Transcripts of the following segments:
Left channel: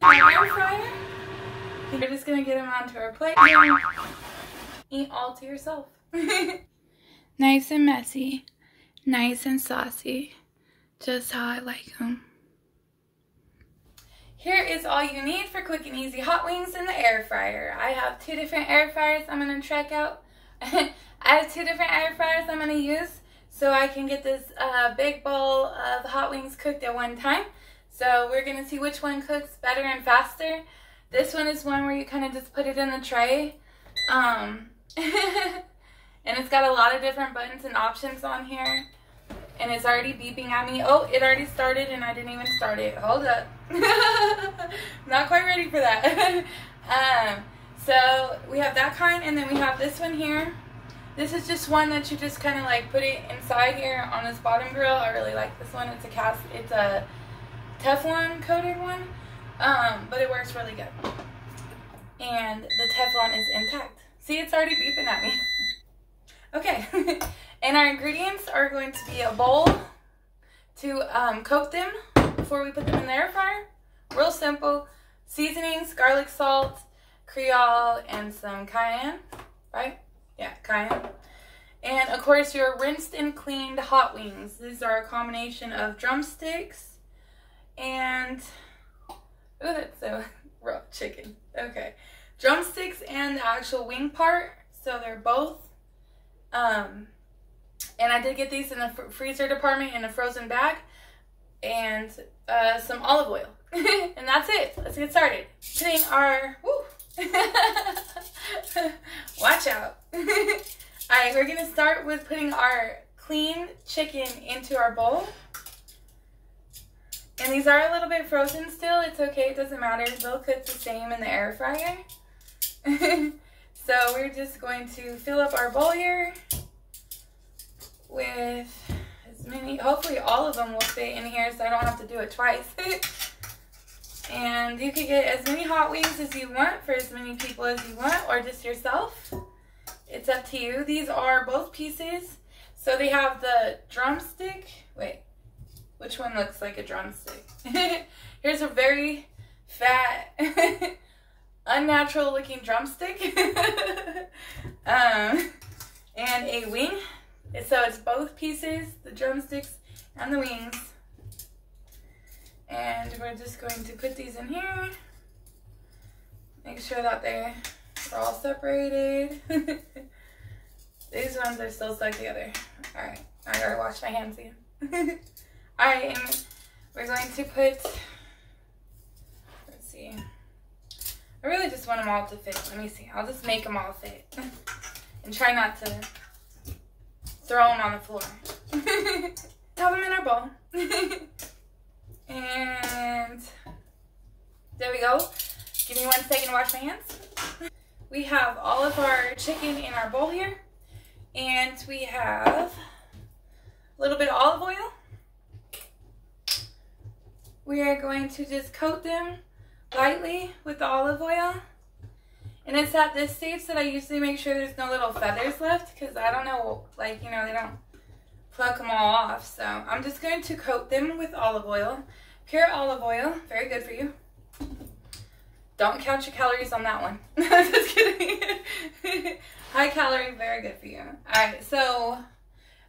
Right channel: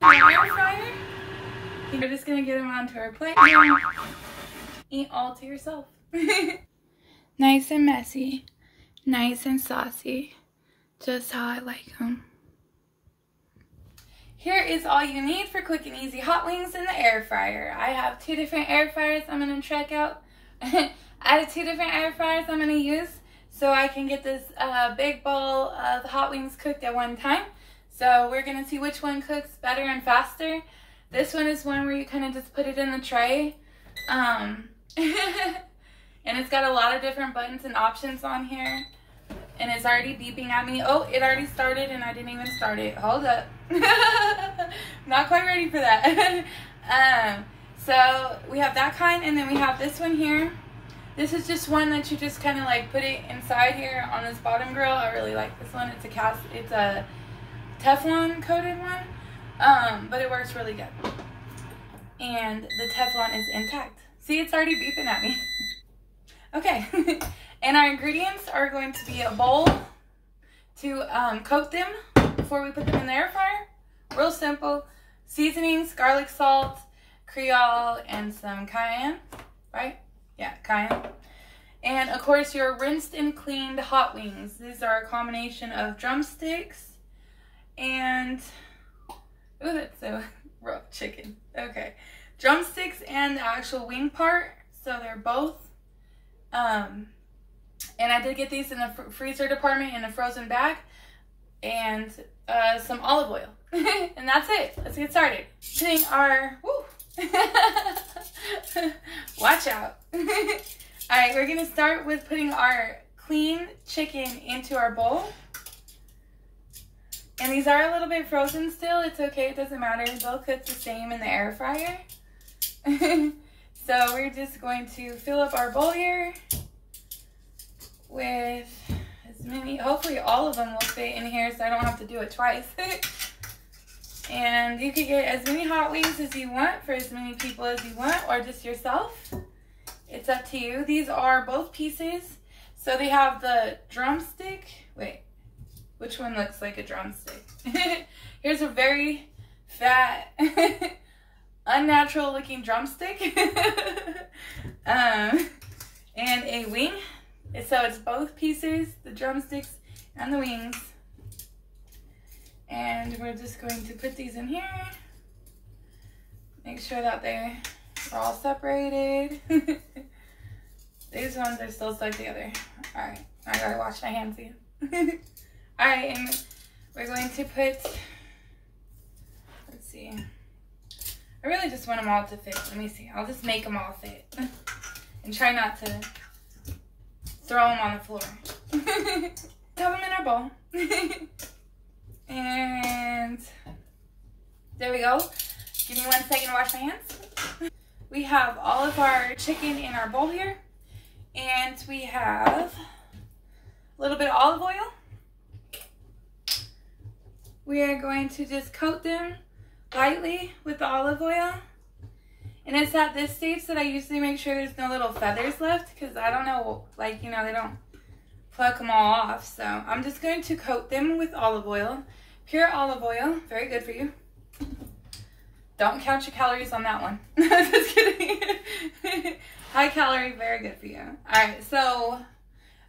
Air fryer. You're just gonna get them onto our plate and eat all to yourself. Nice and messy, nice and saucy, just how I like them. Here is all you need for quick and easy hot wings in the air fryer. I have 2 different air fryers I'm gonna check out. I have 2 different air fryers I'm gonna use so I can get this big bowl of hot wings cooked at one time. So we're gonna see which one cooks better and faster. This one is one where you kind of just put it in the tray. And it's got a lot of different buttons and options on here. And it's already beeping at me. Oh, it already started and I didn't even start it. Hold up. Not quite ready for that. So we have that kind, and then we have this one here. This is just one that you just kind of like put it inside here on this bottom grill. I really like this one. It's a Teflon coated one, but it works really good. And the Teflon is intact. See, it's already beeping at me. Okay. And our ingredients are going to be a bowl to coat them before we put them in the air fryer. Real simple. Seasonings, garlic salt, Creole, and some cayenne, right? Yeah, cayenne. And of course your rinsed and cleaned hot wings. These are a combination of drumsticks and, ooh, that's so rough, chicken. Okay. Drumsticks and the actual wing part. So they're both, and I did get these in the freezer department in a frozen bag, and some olive oil. And that's it. Let's get started. Putting our, woo. Watch out. Alright, we're going to start with putting our clean chicken into our bowl. And these are a little bit frozen still. It's okay. It doesn't matter. They'll cook the same in the air fryer. So we're just going to fill up our bowl here with as many, hopefully all of them will fit in here so I don't have to do it twice. And you can get as many hot wings as you want for as many people as you want, or just yourself. It's up to you. These are both pieces. So they have the drumstick. Wait, which one looks like a drumstick? Here's a very fat, unnatural looking drumstick. And a wing. So it's both pieces, the drumsticks and the wings. And we're just going to put these in here. Make sure that they're all separated. These ones are still stuck together. Alright, I gotta wash my hands again. Alright, and we're going to put, let's see. I really just want them all to fit. Let me see. I'll just make them all fit. And try not to throw them on the floor. Have them in our bowl. And there we go. Give me 1 second to wash my hands. We have all of our chicken in our bowl here. And we have a little bit of olive oil. We are going to just coat them lightly with the olive oil. And it's at this stage that I usually make sure there's no little feathers left, because I don't know, like, you know, they don't pluck them all off. So I'm just going to coat them with olive oil. Pure olive oil, very good for you. Don't count your calories on that one. Just kidding. High calorie, very good for you. Alright, so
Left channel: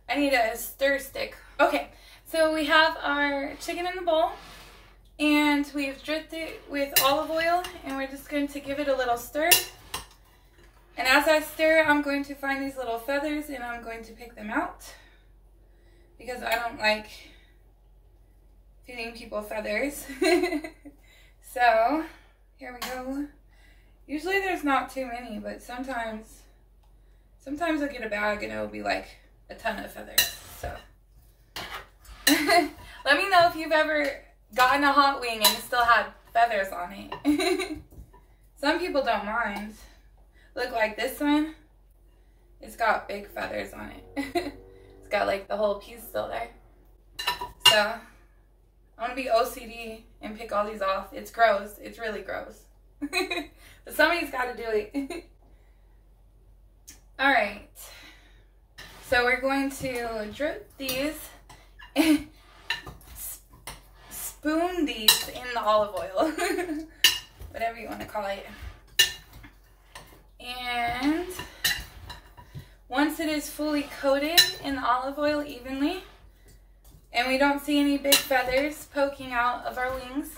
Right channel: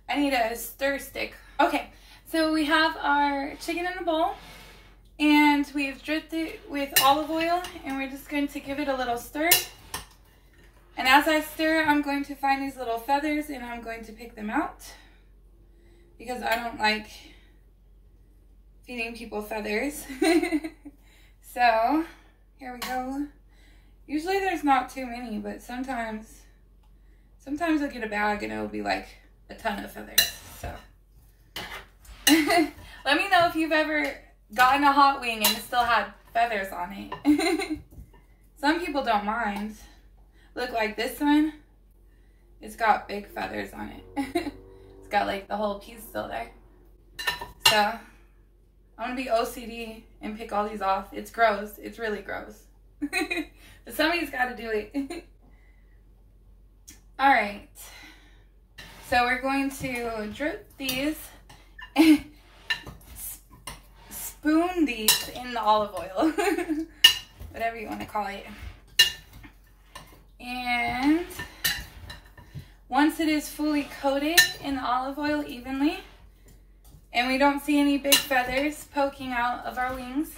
I need a stir stick. Okay, so we have our chicken in the bowl. And we've dripped it with olive oil, and we're just going to give it a little stir. And as I stir, I'm going to find these little feathers, and I'm going to pick them out, because I don't like feeding people feathers. So here we go. Usually there's not too many, but sometimes I'll get a bag and it'll be like a ton of feathers. So let me know if you've ever gotten a hot wing and it still had feathers on it. Some people don't mind. Look, like this one, it's got big feathers on it. It's got like the whole piece still there. So I'm gonna be OCD and pick all these off. It's gross. It's really gross. But somebody's got to do it. All right. So we're going to drip these. spoon these in the olive oil, whatever you want to call it. And once it is fully coated in the olive oil evenly, and we don't see any big feathers poking out of our wings,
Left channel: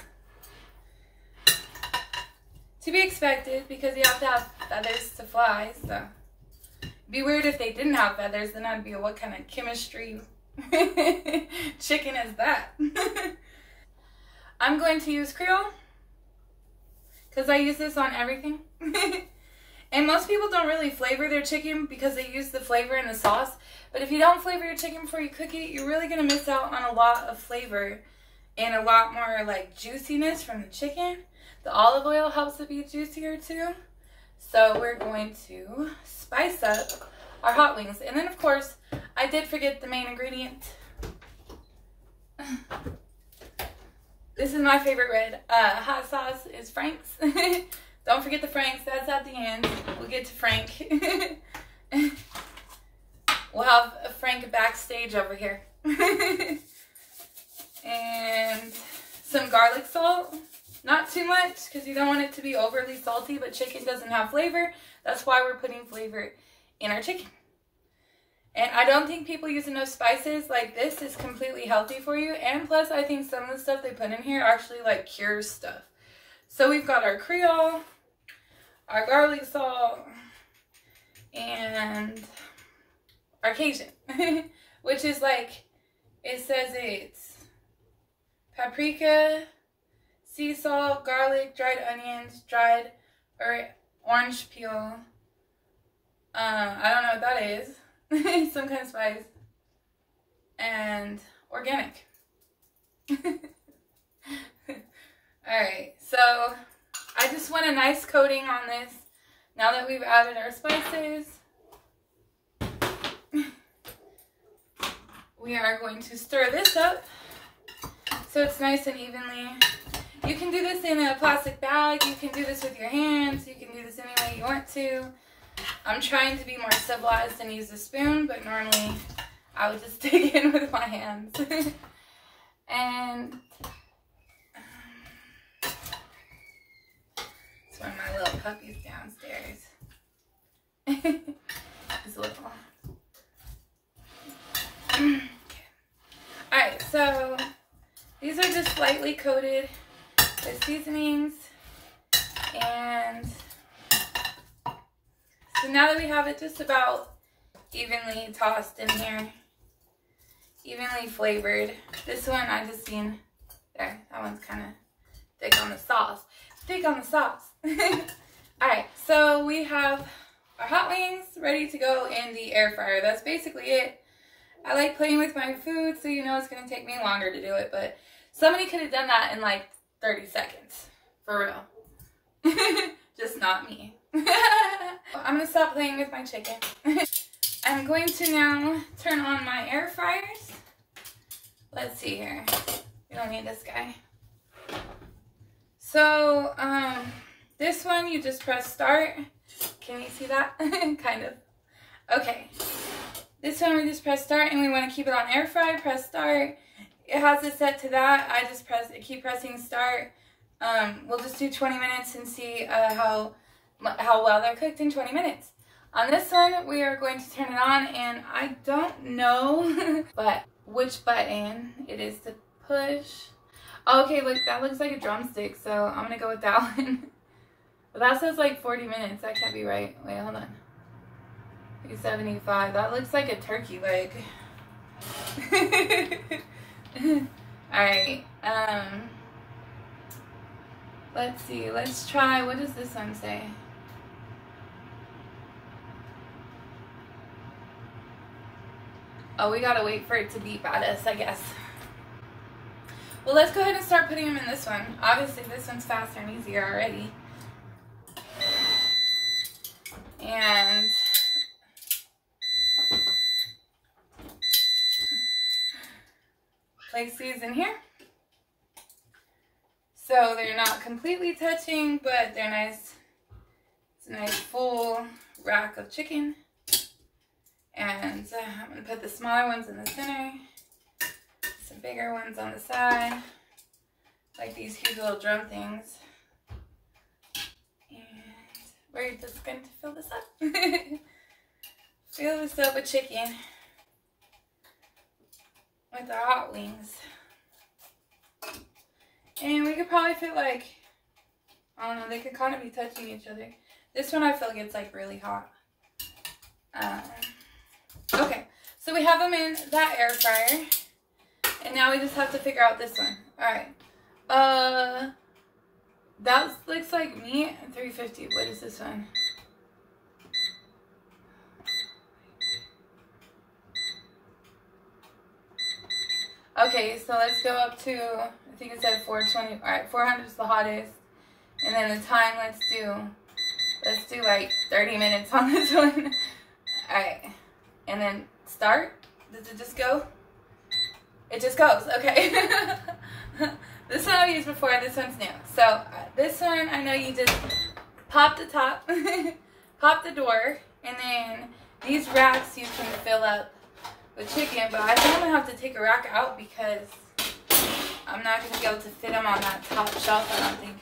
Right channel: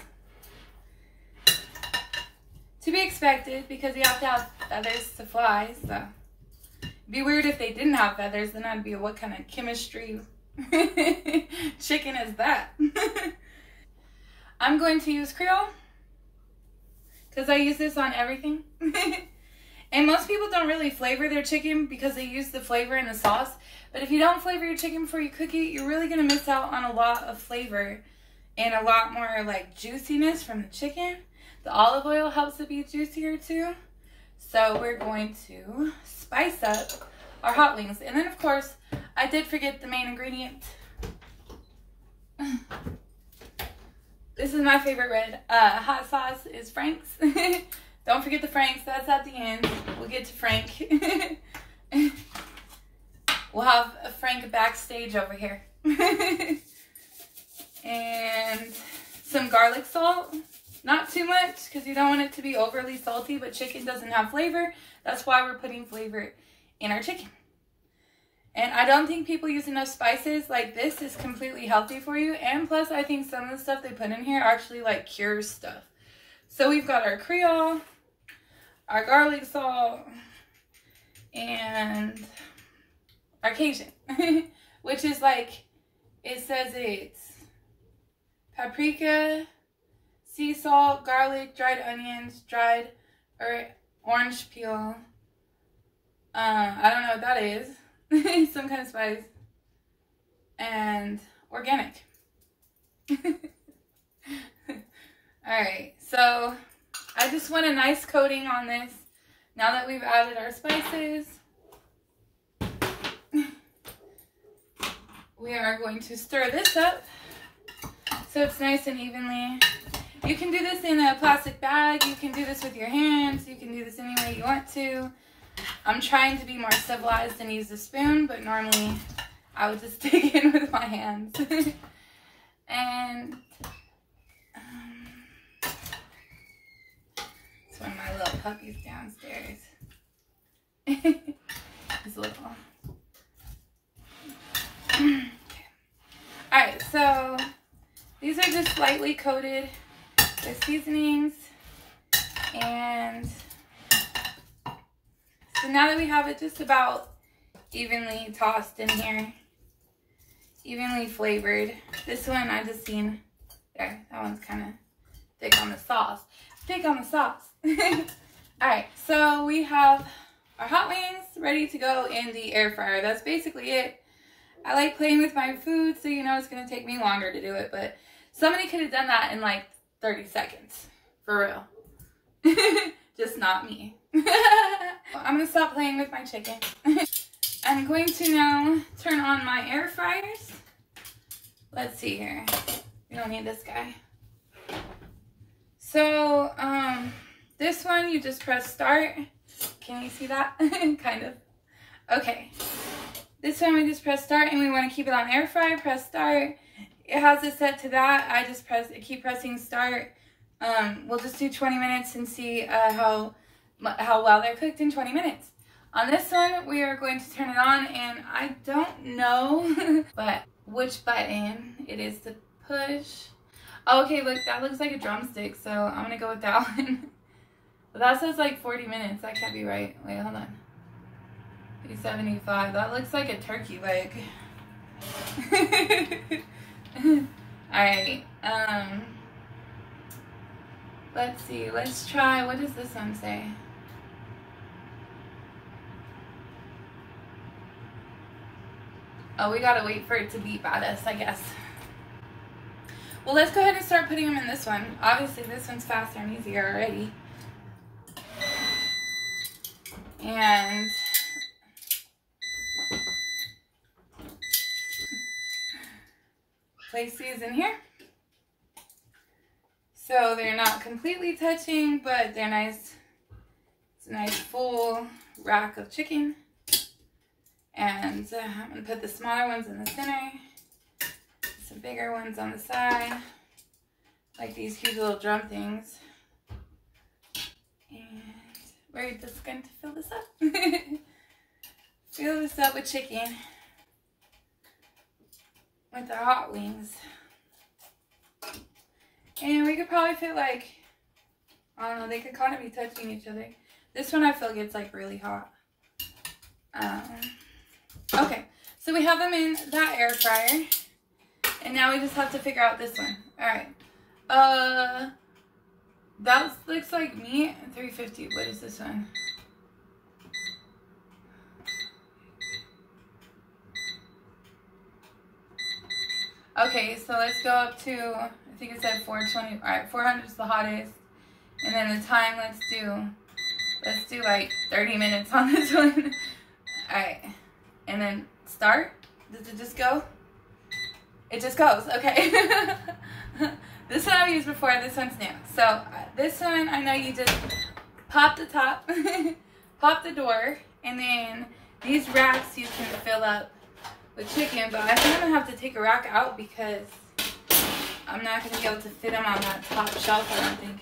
to be expected because you have to have feathers to fly, so it'd be weird if they didn't have feathers, then I'd be, what kind of chemistry chicken is that? I'm going to use Creole because I use this on everything. And most people don't really flavor their chicken because they use the flavor in the sauce. But if you don't flavor your chicken before you cook it, you're really going to miss out on a lot of flavor and a lot more like juiciness from the chicken. The olive oil helps it be juicier too. So we're going to spice up our hot wings. And then of course, I did forget the main ingredient. This is my favorite red hot sauce is Frank's. Don't forget the Frank's, that's at the end. We'll get to Frank. We'll have a Frank backstage over here. And some garlic salt. Not too much because you don't want it to be overly salty, but chicken doesn't have flavor. That's why we're putting flavor in our chicken. And I don't think people use enough spices. Like, this is completely healthy for you. And plus, I think some of the stuff they put in here actually like cures stuff. So we've got our Creole, our garlic salt, and our Cajun, which is like, it says it's paprika, sea salt, garlic, dried onions, dried or orange peel. I don't know what that is. Some kind of spice. And organic. Alright, so I just want a nice coating on this now that we've added our spices. We are going to stir this up so it's nice and evenly. You can do this in a plastic bag, you can do this with your hands, you can do this any way you want to. I'm trying to be more civilized and use a spoon, but normally I would just dig in with my hands. And it's one of my little puppies downstairs. It's little. Okay. Alright, so these are just lightly coated with seasonings. And so now that we have it just about evenly tossed in here, evenly flavored. This one I just seen, there, that one's kind of thick on the sauce. Thick on the sauce. Alright, so we have our hot wings ready to go in the air fryer. That's basically it. I like playing with my food, so you know it's going to take me longer to do it, but somebody could have done that in like 30 seconds. For real. Just not me. I'm going to stop playing with my chicken. I'm going to now turn on my air fryers. Let's see here. We don't need this guy. So, this one you just press start. Can you see that? Kind of. Okay. This one we just press start, and we want to keep it on air fry. Press start. It has it set to that. I just keep pressing start. We'll just do 20 minutes and see how well they're cooked in 20 minutes. On this one, we are going to turn it on, and I don't know but which button it is to push. Oh, okay, look, that looks like a drumstick, so I'm going to go with that one. But that says like 40 minutes. That can't be right. Wait, hold on. 75. That looks like a turkey leg. Alright, let's see. Let's try, what does this one say? Oh, we gotta wait for it to beep at us, I guess. Well, let's go ahead and start putting them in this one. Obviously, this one's faster and easier already. And place these in here. So they're not completely touching, but they're nice. It's a nice full rack of chicken. And I'm going to put the smaller ones in the center, some bigger ones on the side. like these huge little drum things. And we're just going to fill this up. Fill this up with chicken with our hot wings. And we could probably fit like, I don't know, they could kind of be touching each other. This one I feel gets like really hot. Okay, so we have them in that air fryer. And now we just have to figure out this one. Alright. That looks like meat. 350. What is this one? Okay, so let's go up to, I think it said 420. Alright, 400 is the hottest. And then the time, let's do like 30 minutes on this one. Alright. And then start. Does it just go? It just goes. Okay. This one I've used before. This one's new. So this one, I know you just pop the top, pop the door, and then these racks you can fill up with chicken. But I think I'm going to have to take a rack out because I'm not going to be able to fit them on that top shelf, I don't think.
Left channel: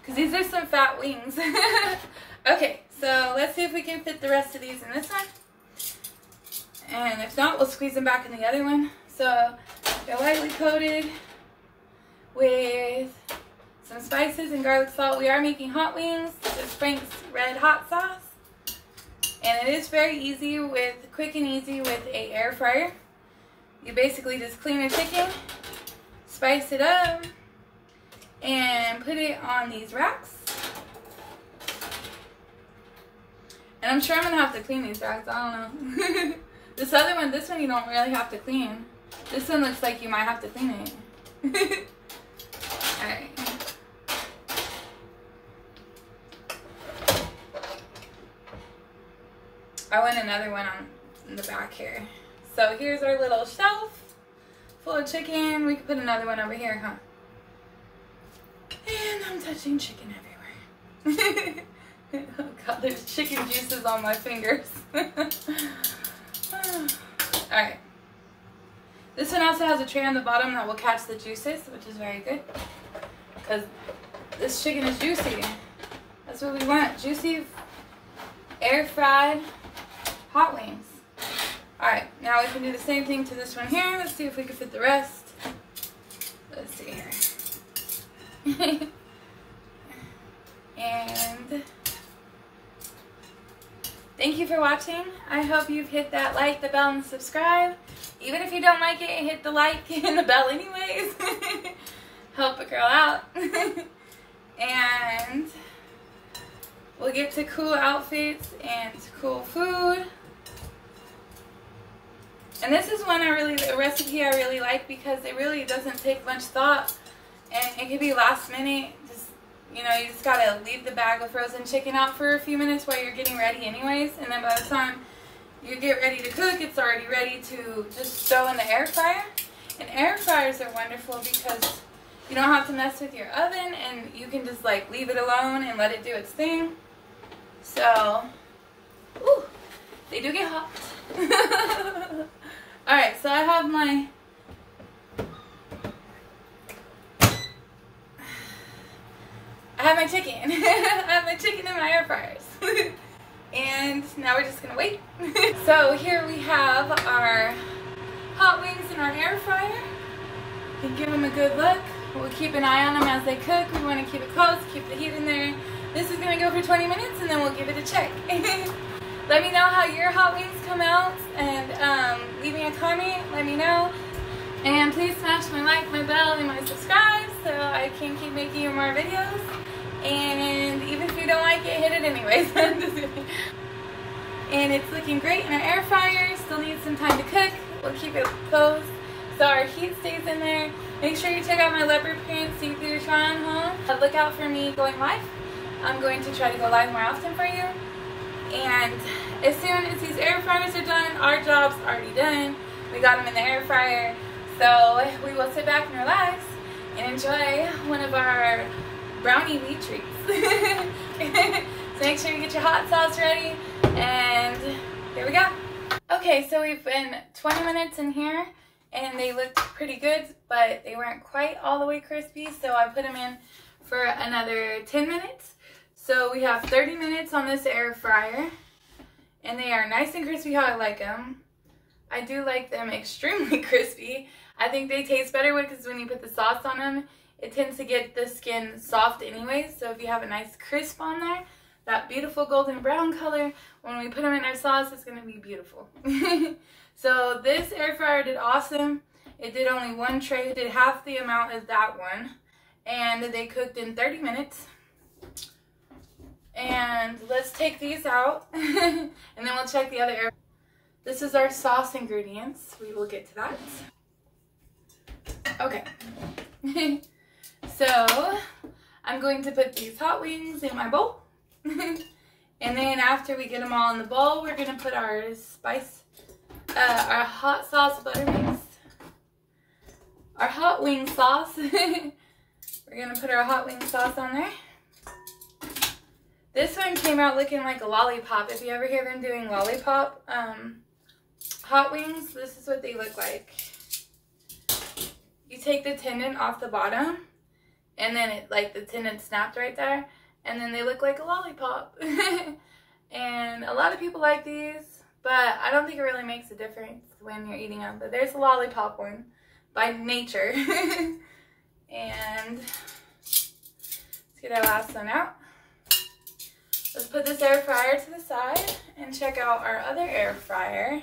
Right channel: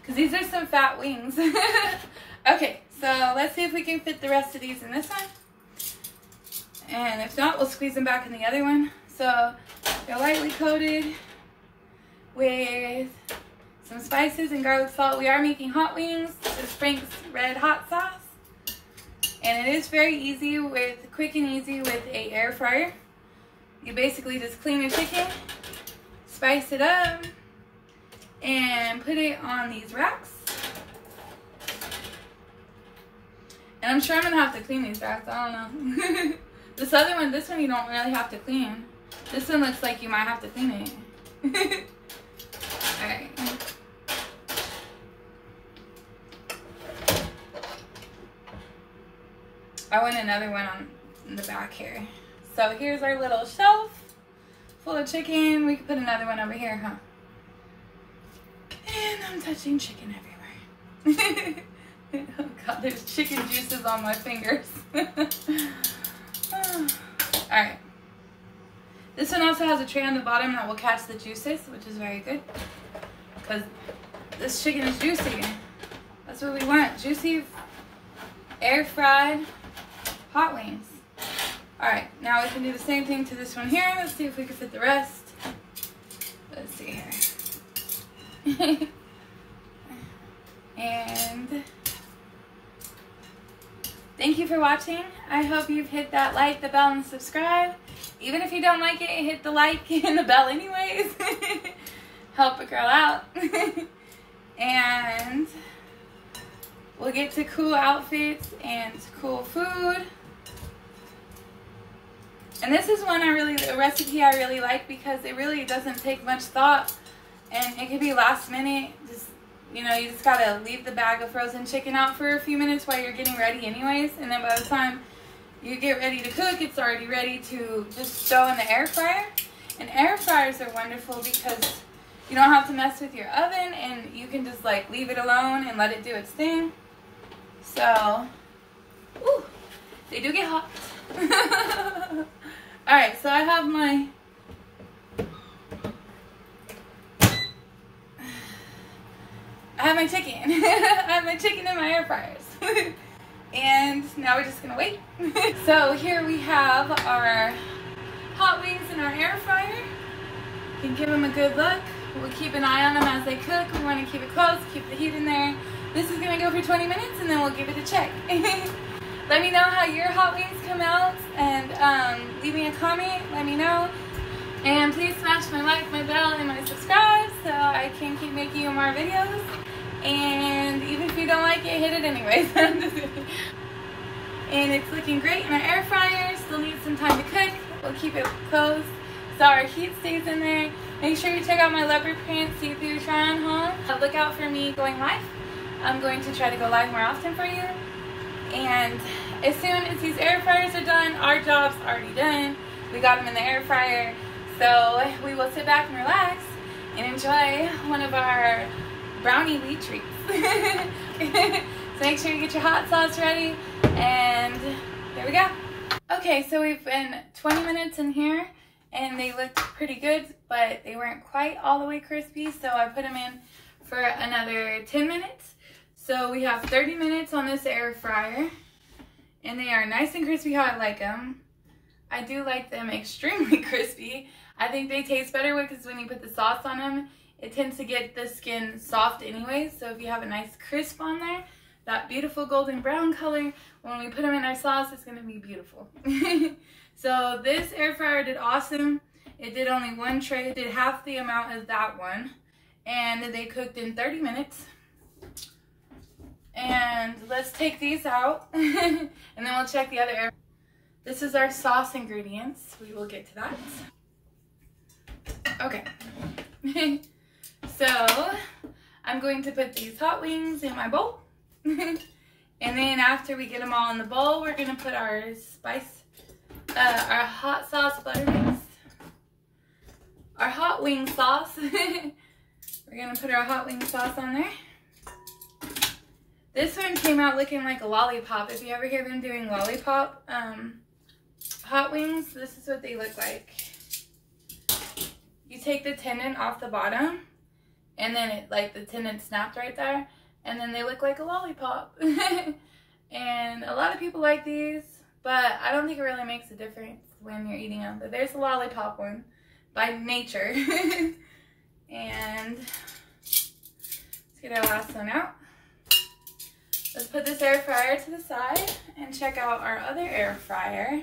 Because these are some fat wings. Okay, so let's see if we can fit the rest of these in this one. And if not, we'll squeeze them back in the other one. So they're lightly coated with some spices and garlic salt. We are making hot wings with Frank's Red Hot Sauce. And it is very easy quick and easy with an air fryer. You basically just clean the chicken, spice it up, and put it on these racks. And I'm sure I'm going to have to clean these racks. I don't know. This other one, this one you don't really have to clean. This one looks like you might have to clean it. Alright. I want another one in the back here. So here's our little shelf full of chicken. We can put another one over here, huh? And I'm touching chicken everywhere. Oh God, there's chicken juices on my fingers. Alright. This one also has a tray on the bottom that will catch the juices, which is very good. Because this chicken is juicy. That's what we want. Juicy, air fried, hot wings. Alright, now we can do the same thing to this one here. Let's see if we can fit the rest. Let's see here. And thank you for watching. I hope you've hit that like, the bell, and subscribe. Even if you don't like it, hit the like and the bell anyways. Help a girl out. And we'll get to cool outfits and cool food. And this is one a recipe I really like because it really doesn't take much thought. And it can be last minute. Just, you know, you just gotta leave the bag of frozen chicken out for a few minutes while you're getting ready anyways. And then by the time you get ready to cook, it's already ready to just throw in the air fryer. And air fryers are wonderful because you don't have to mess with your oven and you can just like leave it alone and let it do its thing. So, ooh, they do get hot. Alright, so I have my chicken. I have my chicken in my air fryers. And now we're just gonna wait. So here we have our hot wings in our air fryer. You can give them a good look. We'll keep an eye on them as they cook. We want to keep it close, keep the heat in there. This is gonna go for 20 minutes and then we'll give it a check. Let me know how your hot wings come out and leave me a comment, let me know. And please smash my like, my bell, and my subscribe so I can keep making you more videos. And even if you don't like it, hit it anyways. And it's looking great in our air fryer. Still needs some time to cook. We'll keep it closed so our heat stays in there. Make sure you check out my leopard print see-through try-on haul. Look out for me going live. I'm going to try to go live more often for you. And as soon as these air fryers are done, our job's already done. We got them in the air fryer. So we will sit back and relax and enjoy one of our brownie wheat treats. So make sure you get your hot sauce ready, and here we go. Okay, so we've been 20 minutes in here, and they looked pretty good, but they weren't quite all the way crispy, so I put them in for another 10 minutes. So we have 30 minutes on this air fryer, and they are nice and crispy how I like them. I do like them extremely crispy. I think they taste better because when you put the sauce on them, it tends to get the skin soft anyways. So if you have a nice crisp on there, that beautiful golden brown color, when we put them in our sauce, it's going to be beautiful. So this air fryer did awesome. It did only one tray. It did half the amount as that one. And they cooked in 30 minutes. And let's take these out. And then we'll check the other air. This is our sauce ingredients. We will get to that. Okay. So I'm going to put these hot wings in my bowl. And then after we get them all in the bowl, we're going to put our our hot sauce butter mix. Our hot wing sauce. We're going to put our hot wing sauce on there. This one came out looking like a lollipop. If you ever hear them doing lollipop hot wings, this is what they look like. You take the tendon off the bottom, and then it, like, the tendon snapped right there, and then they look like a lollipop. And a lot of people like these, but I don't think it really makes a difference when you're eating them. But there's a lollipop one by nature. And let's get our last one out. Let's put this air fryer to the side and check out our other air fryer.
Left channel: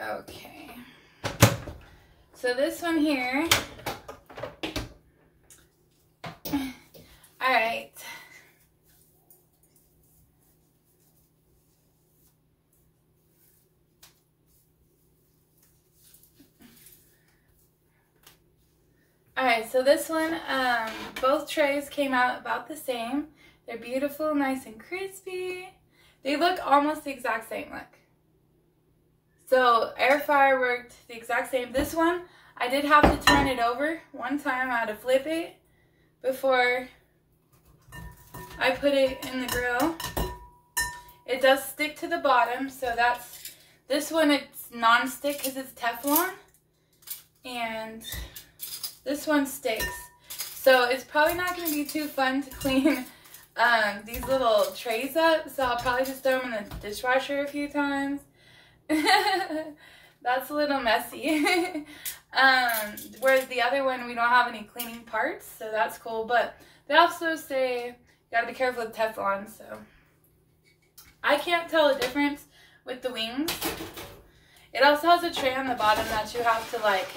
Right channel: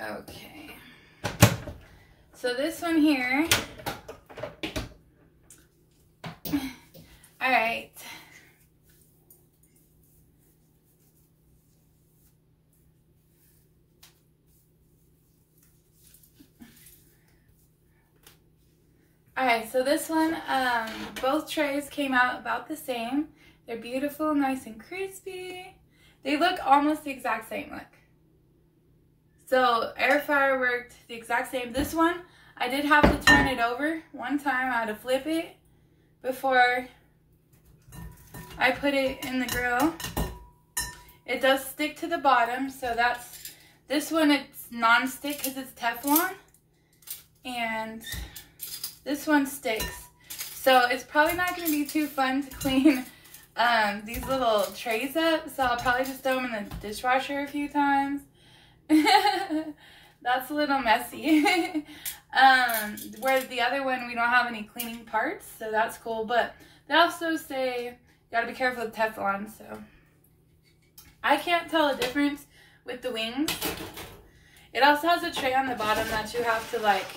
Okay. So this one here. All right. Alright, so this one, both trays came out about the same. They're beautiful, nice and crispy. They look almost the exact same, look. So air fryer worked the exact same. This one, I did have to turn it over one time. I had to flip it before I put it in the grill. It does stick to the bottom, so that's, this one it's non-stick because it's Teflon. And this one sticks. So it's probably not going to be too fun to clean these little trays up. So I'll probably just throw them in the dishwasher a few times. That's a little messy. Whereas the other one, we don't have any cleaning parts. So that's cool. But they also say you got to be careful with Teflon. So I can't tell a difference with the wings. It also has a tray on the bottom that you have to like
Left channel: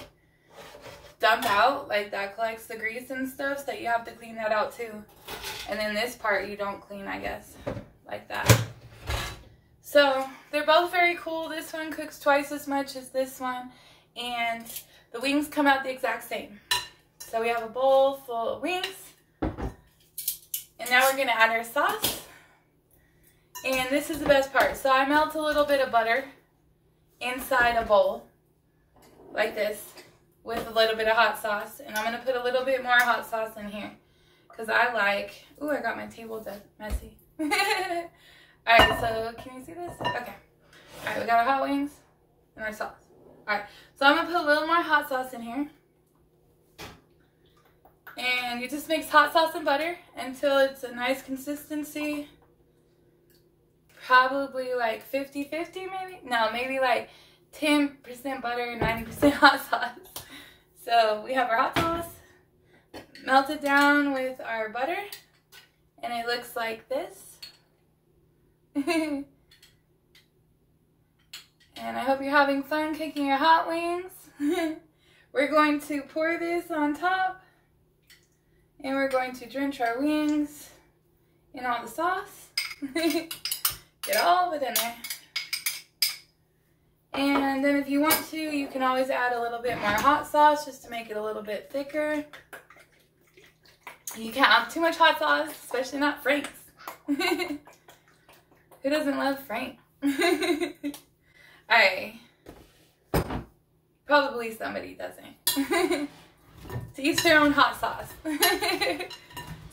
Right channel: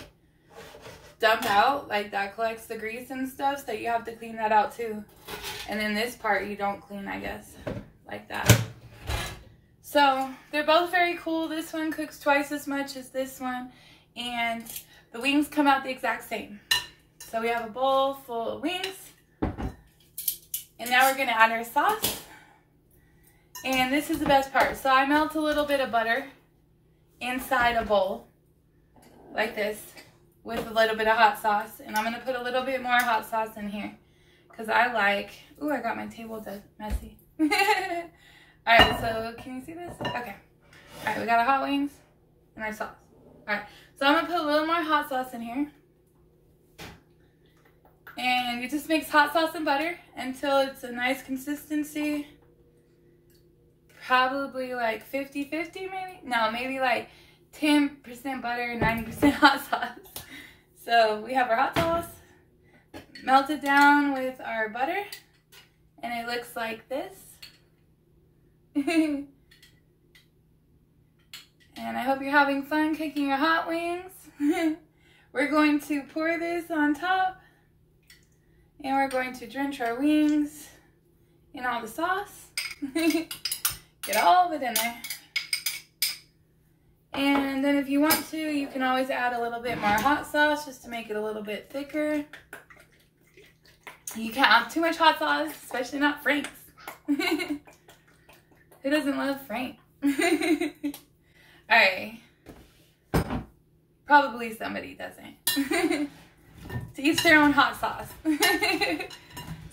dump out, like that collects the grease and stuff, so you have to clean that out too. And then this part you don't clean, I guess, like that. So they're both very cool. This one cooks twice as much as this one, and the wings come out the exact same. So we have a bowl full of wings, and now we're gonna add our sauce. And this is the best part. So I melt a little bit of butter inside a bowl like this, with a little bit of hot sauce, and I'm gonna put a little bit more hot sauce in here because I like, ooh, I got my table messy. All right, so can you see this? Okay. All right, we got our hot wings and our sauce. All right, so I'm gonna put a little more hot sauce in here, and you just mix hot sauce and butter until it's a nice consistency. Probably like 50-50 maybe? No, maybe like 10% butter, 90% hot sauce. So we have our hot sauce melted down with our butter, and it looks like this. And I hope you're having fun cooking your hot wings. We're going to pour this on top, and we're going to drench our wings in all the sauce. Get all of it in there. And then if you want to, you can always add a little bit more hot sauce just to make it a little bit thicker. You can't have too much hot sauce, especially not Frank's. Who doesn't love Frank? Alright. Probably somebody doesn't. To each their own hot sauce.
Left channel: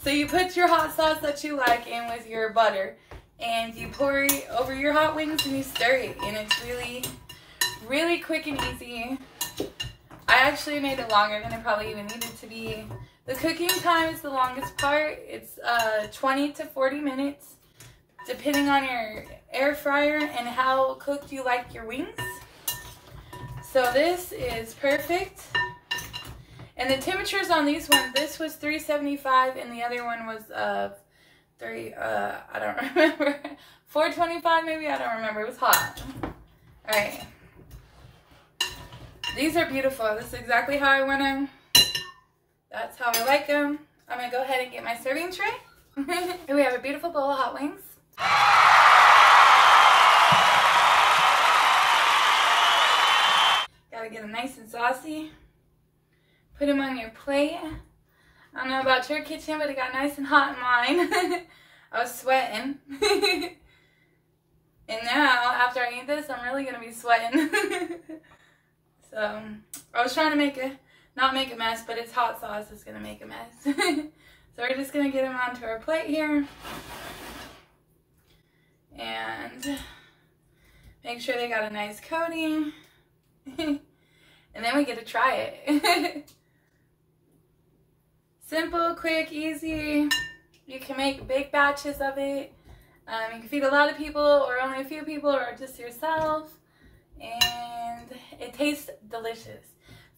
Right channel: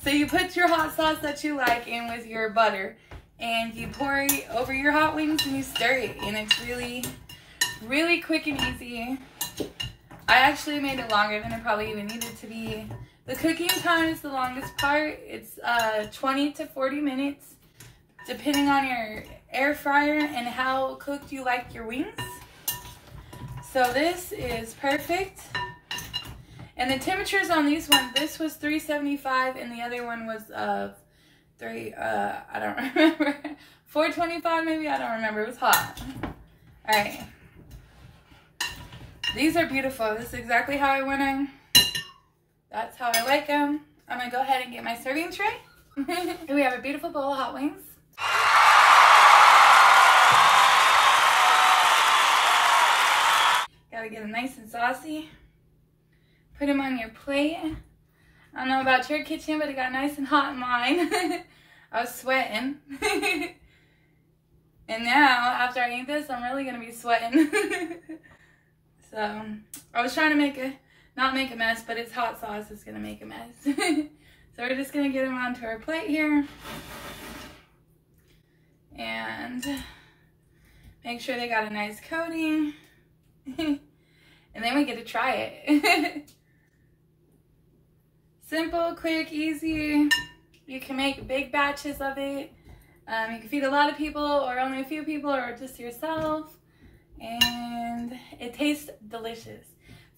So you put your hot sauce that you like in with your butter, and you pour it over your hot wings and you stir it, and it's really, really quick and easy. I actually made it longer than it probably even needed to be. The cooking time is the longest part. It's 20 to 40 minutes, depending on your air fryer and how cooked you like your wings. So this is perfect. And the temperatures on these ones, this was 375 and the other one was I don't remember. 425 maybe, I don't remember. It was hot. All right. These are beautiful. This is exactly how I want them. That's how I like them. I'm gonna go ahead and get my serving tray. And we have a beautiful bowl of hot wings. Gotta get them nice and saucy. Put them on your plate. I don't know about your kitchen, but it got nice and hot in mine. I was sweating. And now, after I eat this, I'm really gonna be sweating. So, I was trying to not make a mess, but it's hot sauce that's gonna make a mess. So we're just gonna get them onto our plate here. And make sure they got a nice coating. And then we get to try it. Simple, quick, easy. You can make big batches of it. You can feed a lot of people or only a few people or just yourself. And it tastes delicious.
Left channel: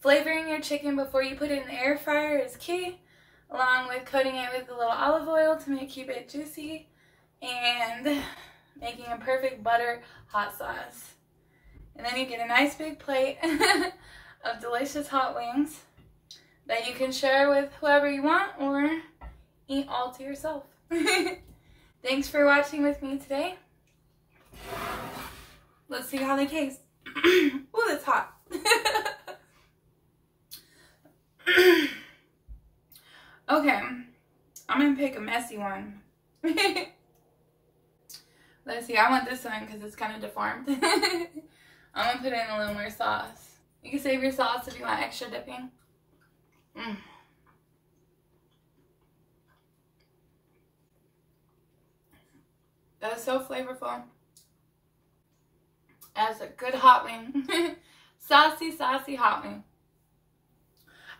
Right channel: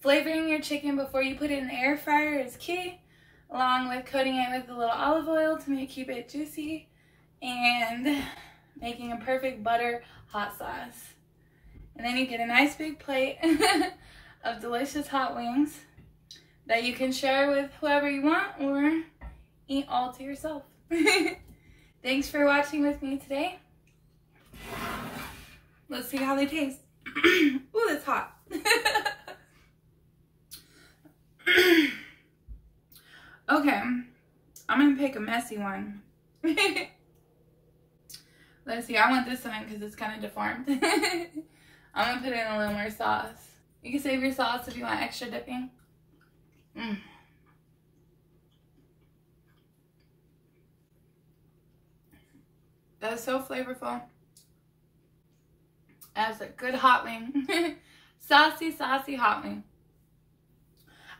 Flavoring your chicken before you put it in the air fryer is key, along with coating it with a little olive oil to keep it juicy, and making a perfect butter hot sauce. And then you get a nice big plate of delicious hot wings that you can share with whoever you want or eat all to yourself. Thanks for watching with me today. Let's see how they taste. Ooh, that's hot. Okay, I'm gonna pick a messy one. Let's see, I want this one because it's kind of deformed. I'm gonna put in a little more sauce. You can save your sauce if you want extra dipping. That's so flavorful. That's a good hot wing. Saucy, saucy hot wing.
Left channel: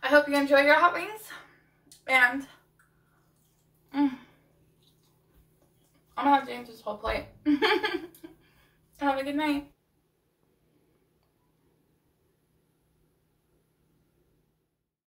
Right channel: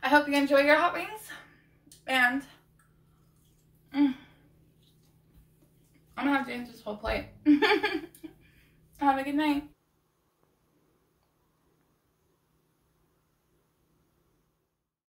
I hope you enjoy your hot wings. And I'm gonna have to eat this whole plate. Have a good night.